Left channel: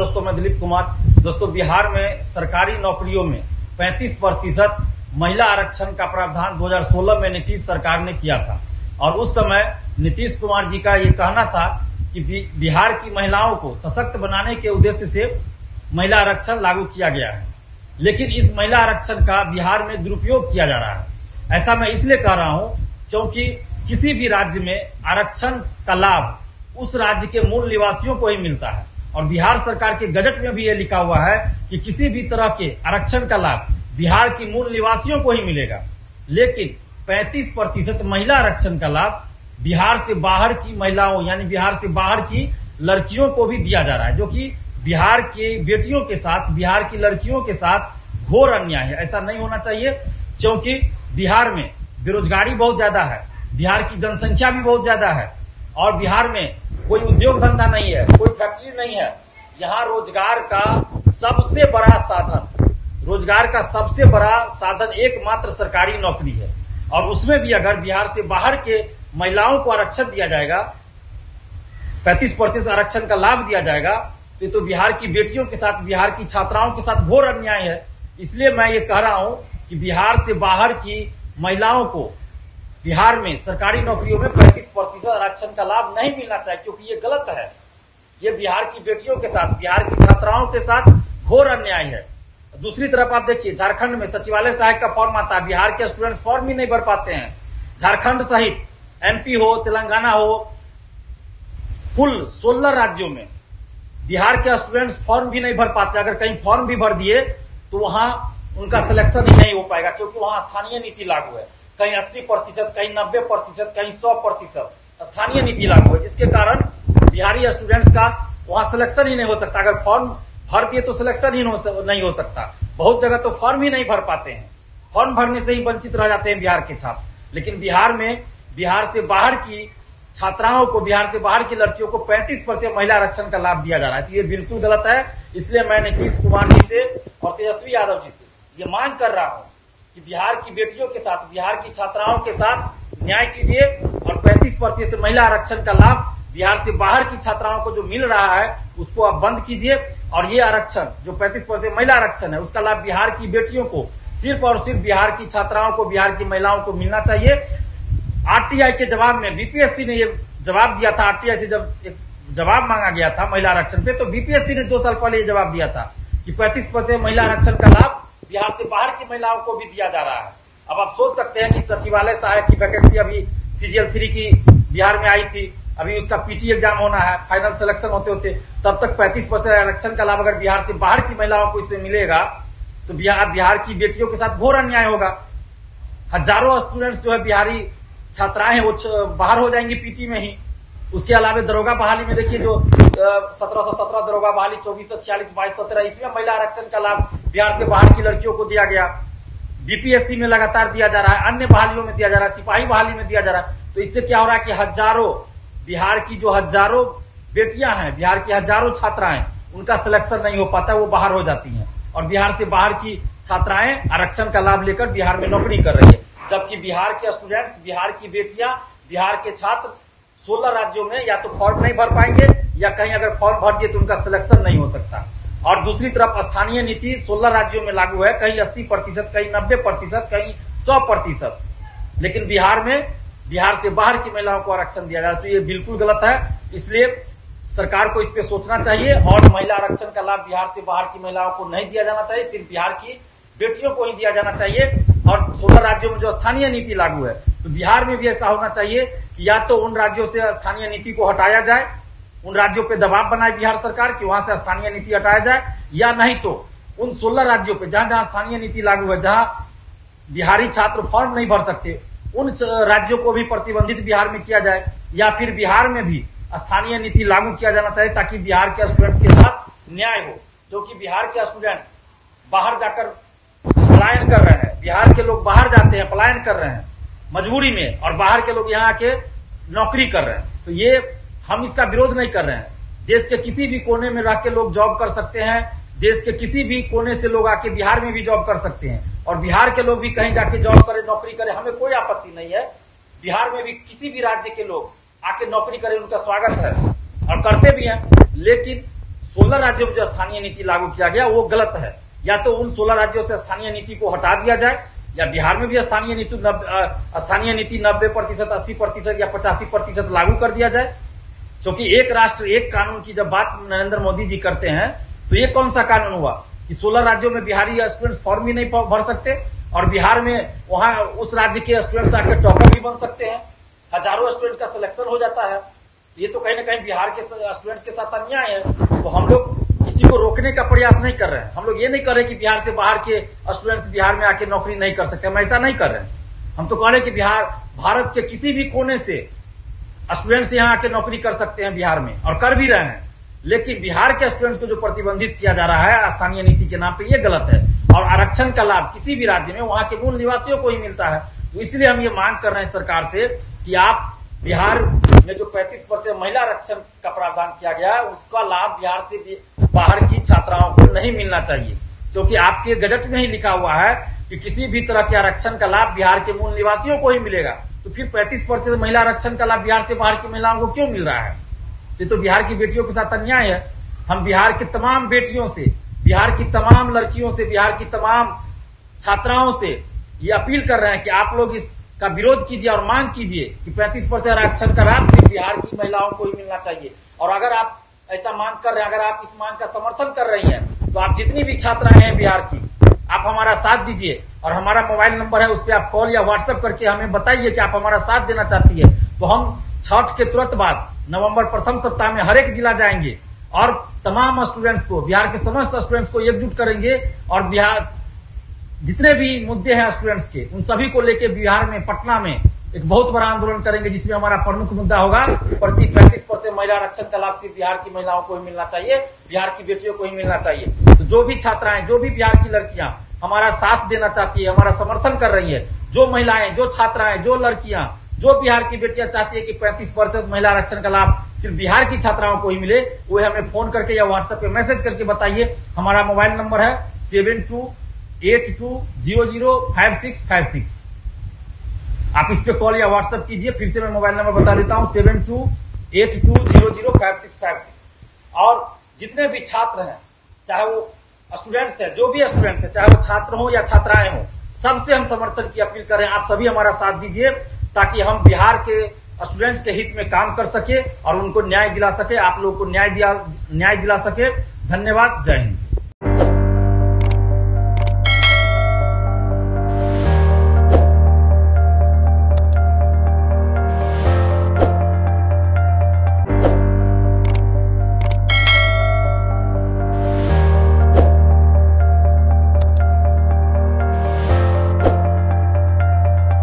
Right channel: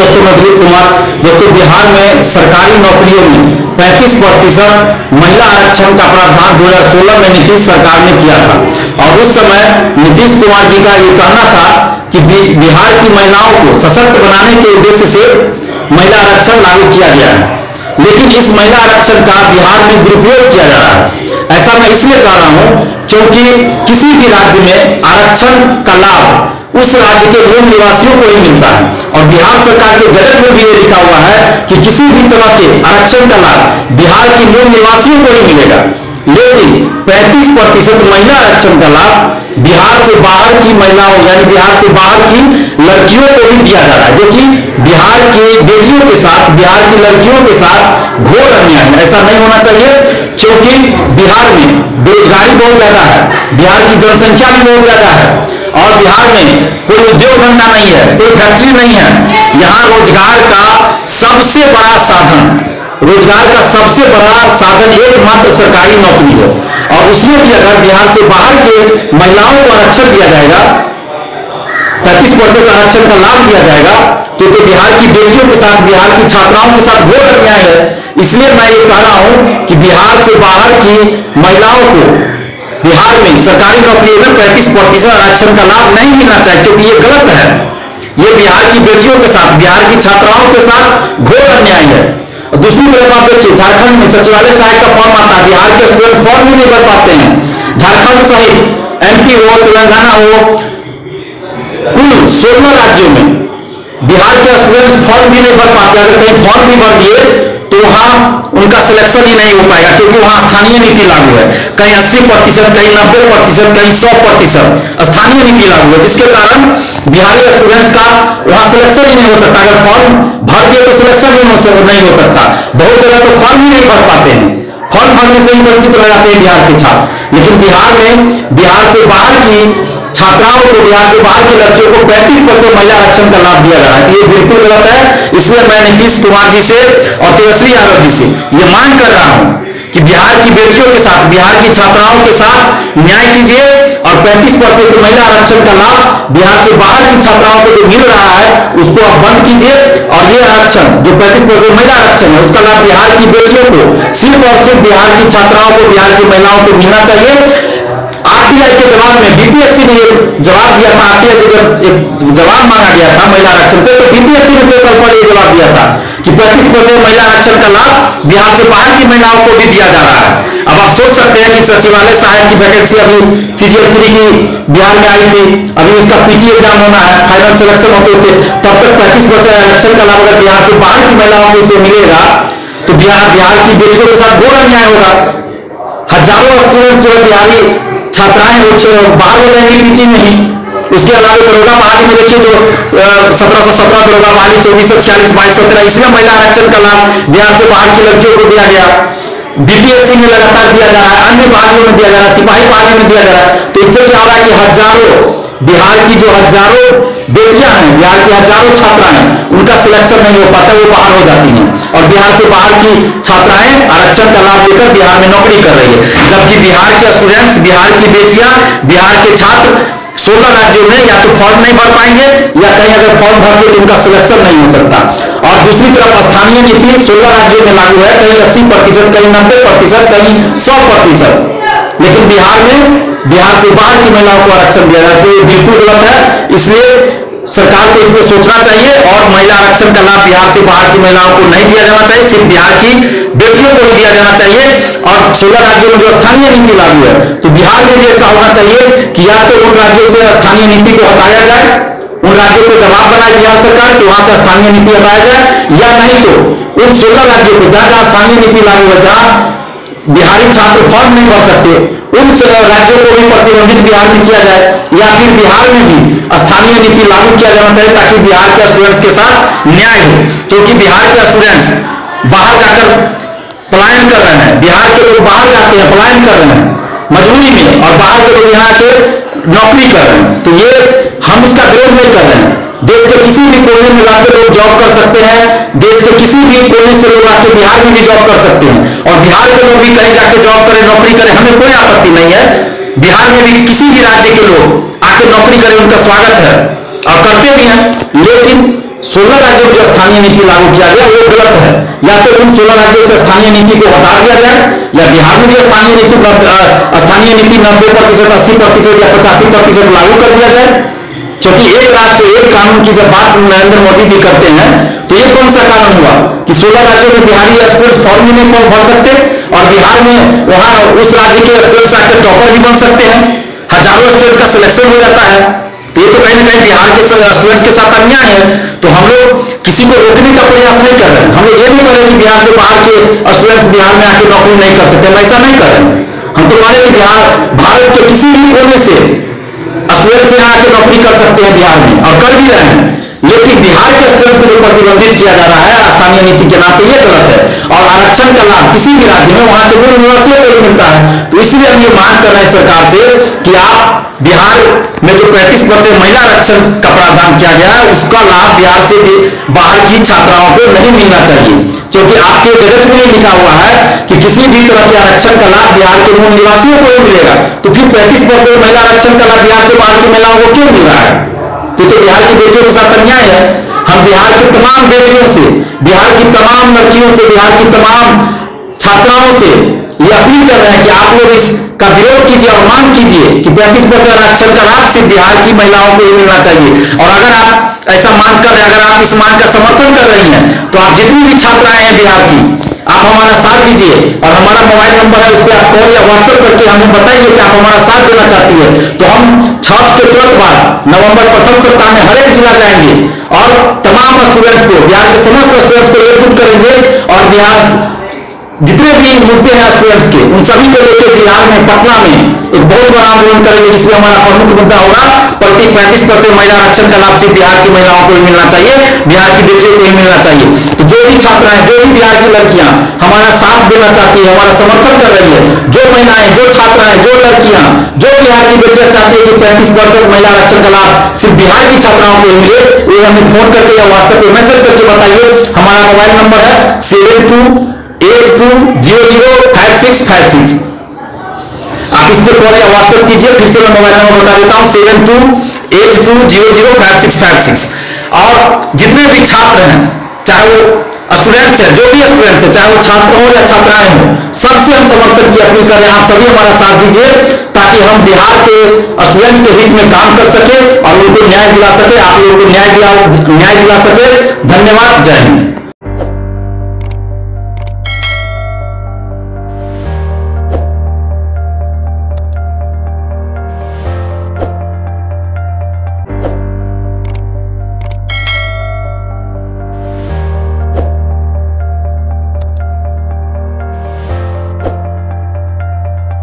दोस्तों, मैं दिलीप कुमार। दोस्तों, बिहार में सरकारी नौकरियों में 35% महिला आरक्षण का प्रावधान 2016 में नीतीश सरकार ने किया था और उस समय नीतीश कुमार जी का ये कहना था कि बिहार की महिलाओं को सशक्त बनाने के उद्देश्य से महिला आरक्षण लागू किया गया है। लेकिन इस महिला आरक्षण का बिहार में दुरुपयोग किया जा रहा है। ऐसा मैं इसलिए कह रहा हूं क्योंकि किसी भी राज्य में आरक्षण का लाभ उस राज्य के मूल निवासियों को ही मिलता है और बिहार सरकार के गजट में भी ये लिखा हुआ है कि किसी भी तरह के आरक्षण का लाभ बिहार के मूल निवासियों को ही मिलेगा। लेकिन 35% महिला आरक्षण का लाभ बिहार से बाहर की महिलाओं यानी बिहार से बाहर की लड़कियों को भी दिया जा रहा है, जो कि बिहार की बेटियों के साथ, बिहार की लड़कियों के साथ घोर अन्याय है। ऐसा नहीं होना चाहिए क्योंकि बिहार में बेरोजगारी बहुत ज्यादा है, बिहार की जनसंख्या भी बहुत ज्यादा है और बिहार में कोई उद्योग धंधा नहीं है, कोई फैक्ट्री नहीं है। यहाँ रोजगार का सबसे बड़ा साधन एकमात्र सरकारी नौकरी है और उसमें भी अगर बिहार से बाहर के महिलाओं को आरक्षण दिया जाएगा, 35% आरक्षण का लाभ दिया जाएगा, तो बिहार की बेटियों के साथ, बिहार की छात्राओं के साथ घोर अन्याय है। इसलिए मैं ये कह रहा हूं कि बिहार से बाहर की महिलाओं को बिहार में सरकारी नौकरियों में 35% आरक्षण का लाभ नहीं मिलना चाहिए, क्योंकि ये गलत है। ये बिहार की बेटियों के साथ, बिहार की छात्राओं के साथ घोर अन्याय है। दूसरी तरफ आप देखिए, झारखंड में सचिवालय सहायक का फॉर्म आता है, बिहार के स्टूडेंट्स फॉर्म भी नहीं भर पाते हैं। झारखंड सहित एमपी हो, तेलंगाना हो, कुल 16 राज्यों में बिहार के स्टूडेंट्स फॉर्म भी नहीं भर पाते। अगर कहीं फॉर्म भी भर दिए तो वहां उनका सिलेक्शन ही नहीं हो पाएगा, क्योंकि वहां स्थानीय नीति लागू है। कहीं 80%, कहीं 90%, कहीं 100% स्थानीय नीति लागू है, जिसके कारण बिहारी स्टूडेंट्स का वहां सिलेक्शन ही नहीं हो सकता। अगर फॉर्म भर दिए तो सिलेक्शन ही नहीं हो सकता। बहुत जगह तो फॉर्म ही नहीं भर पाते हैं, फॉर्म भरने से ही वंचित रह जाते हैं बिहार के छात्र। लेकिन बिहार में बिहार से बाहर की छात्राओं को, बिहार से बाहर की लड़कियों को 35% महिला आरक्षण का लाभ दिया जा रहा है। ये बिल्कुल गलत है। इसलिए मैं नीतीश कुमार जी से और तेजस्वी यादव जी से ये मांग कर रहा हूं कि बिहार की बेटियों के साथ, बिहार की छात्राओं के साथ न्याय कीजिए और 35% महिला आरक्षण का लाभ बिहार से बाहर की छात्राओं को जो मिल रहा है उसको आप बंद कीजिए और ये आरक्षण जो 35% महिला आरक्षण है उसका लाभ बिहार की बेटियों को, सिर्फ और सिर्फ बिहार की छात्राओं को, बिहार की महिलाओं को मिलना चाहिए। आरटीआई के जवाब में बीपीएससी ने जवाब दिया था, आरटीआई से जब एक जवाब मांगा गया था महिला आरक्षण पे, तो बीपीएससी ने 2 साल पहले ये जवाब दिया था कि 35% महिला आरक्षण का लाभ बिहार से बाहर की महिलाओं को भी दिया जा रहा है। अब आप सोच सकते हैं कि सचिवालय सहायक की वैकेंसी अभी CGL 3 की बिहार में आई थी, अभी उसका पीटी एग्जाम होना है, फाइनल सिलेक्शन होते तब तक 35% आरक्षण का लाभ अगर बिहार से बाहर की महिलाओं को इसे मिलेगा तो बिहार की बेटियों के साथ घोर अन्याय होगा। हजारों स्टूडेंट जो है बिहारी छात्राएं वो बाहर हो जाएंगी पीटी में ही। उसके अलावा दरोगा बहाली में देखिए जो 1717 दरोगा बहाली, 2446, 2213, इसमें महिला आरक्षण का लाभ बिहार से बाहर की लड़कियों को दिया गया। बीपीएससी में लगातार दिया जा रहा है, अन्य बहालियों में दिया जा रहा है, सिपाही बहाली में दिया जा रहा है। तो इससे क्या हो रहा है कि हजारों बिहार की जो हजारों बेटियां हैं, बिहार की हजारों छात्राएं हैं, उनका सिलेक्शन नहीं हो पाता, वो बाहर हो जाती हैं और बिहार से बाहर की छात्राएं आरक्षण का लाभ लेकर बिहार में नौकरी कर रही है। जबकि बिहार के स्टूडेंट्स, बिहार की बेटियां, बिहार के छात्र 16 राज्यों में या तो फॉर्म नहीं भर पाएंगे या कहीं अगर फॉर्म भर दिए तो उनका सिलेक्शन नहीं हो सकता। और दूसरी तरफ स्थानीय नीति 16 राज्यों में लागू है, कहीं 80%, कहीं 90%, कहीं 100%। लेकिन बिहार में बिहार से बाहर की महिलाओं को आरक्षण दिया जाए, तो ये बिल्कुल गलत है। इसलिए सरकार को इसमें सोचना चाहिए और महिला आरक्षण का लाभ बिहार से बाहर की महिलाओं को नहीं दिया जाना चाहिए, सिर्फ बिहार की बेटियों को ही दिया जाना चाहिए। और 16 राज्यों में जो स्थानीय नीति लागू है तो बिहार में भी ऐसा होना चाहिए कि या तो उन राज्यों से स्थानीय नीति को हटाया जाए, उन राज्यों को दबाव बनाए बिहार सरकार कि वहां से स्थानीय नीति हटाया जाए, या नहीं तो उन 16 राज्यों को जहां जहां स्थानीय नीति लागू है, जहां बिहारी छात्र फॉर्म नहीं भर सकते, उन राज्यों को भी प्रतिबंधित बिहार में किया जाए, या फिर बिहार में भी स्थानीय नीति लागू किया जाना चाहिए ताकि बिहार के स्टूडेंट्स के साथ न्याय हो। क्योंकि बिहार के स्टूडेंट्स बाहर जाकर पलायन कर रहे हैं, बिहार के लोग बाहर जाते हैं, पलायन कर रहे हैं मजबूरी में, और बाहर के लोग यहाँ के नौकरी कर रहे हैं। तो ये हम इसका विरोध नहीं कर रहे हैं। देश के किसी भी कोने में जाकर लोग जॉब कर सकते हैं, देश के किसी भी कोने से लोग आके बिहार में भी जॉब कर सकते हैं, और बिहार के लोग भी कहीं जाके जॉब करें, नौकरी करें, हमें कोई आपत्ति नहीं है। बिहार में भी किसी भी राज्य के लोग आके नौकरी करें, उनका स्वागत है और करते भी हैं। लेकिन 16 राज्यों में जो स्थानीय नीति लागू किया गया वो गलत है। या तो उन 16 राज्यों से स्थानीय नीति को हटा दिया जाए, या बिहार में भी स्थानीय नीति 90%, 80% या 85% लागू कर दिया जाए। क्योंकि एक राष्ट्र एक कानून की जब बात नरेंद्र मोदी जी करते हैं तो ये कौन सा कानून हुआ कि 16 राज्यों में बिहारी स्टूडेंट फॉर्म भी नहीं भर सकते और बिहार में वहां उस राज्य के स्टूडेंट्स आकर टॉपर भी बन सकते हैं, हजारों स्टूडेंट का सिलेक्शन हो जाता है। तो ये तो कहीं ना कहीं बिहार के स्टूडेंट्स के साथ अन्याय है। तो हम लोग किसी को रोकने का प्रयास नहीं कर रहे हैं। हम लोग ये नहीं कर रहे कि बिहार से बाहर के स्टूडेंट्स बिहार में आके नौकरी नहीं कर सकते, हम ऐसा नहीं कर रहे। हम तो मान रहे कि बिहार भारत के किसी भी कोने से स्टूडेंट्स यहाँ आके नौकरी कर सकते हैं बिहार में और कर भी रहे हैं। लेकिन बिहार के स्टूडेंट को जो प्रतिबंधित किया जा रहा है स्थानीय नीति के नाम पे, ये गलत है। और आरक्षण का लाभ किसी भी राज्य में वहां के मूल निवासियों को ही मिलता है। तो इसलिए हम ये मांग कर रहे हैं सरकार से कि आप बिहार में जो 35% महिला आरक्षण का प्रावधान किया गया है उसका लाभ बिहार से भी बाहर की छात्राओं को नहीं मिलना चाहिए। क्योंकि आपके गजट में लिखा हुआ है कि किसी भी तरह के आरक्षण का लाभ बिहार के मूल निवासियों को ही मिलेगा। तो फिर 35% महिला आरक्षण का लाभ बिहार से बाहर की महिलाओं को क्यों मिल रहा है? तो बिहार की बेटियों के साथ अन्याय है। हम बिहार की तमाम बेटियों से, बिहार की तमाम लड़कियों से, बिहार की तमाम छात्राओं से ये अपील कर रहे हैं कि आप लोग इसका विरोध कीजिए और मांग कीजिए कि 35% आरक्षण का लाभ सिर्फ बिहार की महिलाओं को ही मिलना चाहिए। और अगर आप ऐसा मांग कर रहे हैं, अगर आप इस मांग का समर्थन कर रही हैं तो आप जितनी भी छात्राएं हैं बिहार की, आप हमारा साथ दीजिए। और हमारा मोबाइल नंबर है, उस पर आप कॉल या व्हाट्सएप करके हमें बताइए कि आप हमारा साथ देना चाहती है। तो हम छठ के तुरंत बाद नवंबर प्रथम सप्ताह में हर एक जिला जाएंगे और तमाम स्टूडेंट्स को, बिहार के समस्त स्टूडेंट्स को एकजुट करेंगे और बिहार जितने भी मुद्दे हैं स्टूडेंट्स के उन सभी को लेकर बिहार में, पटना में एक बहुत बड़ा आंदोलन करेंगे, जिसमें हमारा प्रमुख मुद्दा होगा प्रति 35% महिला आरक्षण का लाभ सिर्फ बिहार की महिलाओं को ही मिलना चाहिए, बिहार की बेटियों को ही मिलना चाहिए। तो जो भी छात्राएं, जो भी बिहार की लड़कियां हमारा साथ देना चाहती है, हमारा समर्थन कर रही है, जो महिलाएं, जो छात्राएं, जो लड़कियां, जो बिहार की बेटियां चाहती है कि 35% महिला आरक्षण का लाभ सिर्फ बिहार की छात्राओं को ही मिले, वो हमें फोन करके या व्हाट्सएप पे मैसेज करके बताइए। हमारा मोबाइल नंबर है 7282005656। आप इस पर कॉल या व्हाट्सएप कीजिए। फिर से मैं मोबाइल नंबर बता देता हूं 7282005656। और जितने भी छात्र हैं, चाहे वो स्टूडेंट्स हैं, जो भी स्टूडेंट्स हैं, चाहे वो छात्र हो या छात्राएं हो, सबसे हम समर्थन की अपील करें। आप सभी हमारा साथ दीजिए ताकि हम बिहार के स्टूडेंट्स के हित में काम कर सके और उनको न्याय दिला सके, आप लोगों को न्याय दिला सके। धन्यवाद। जय हिंद।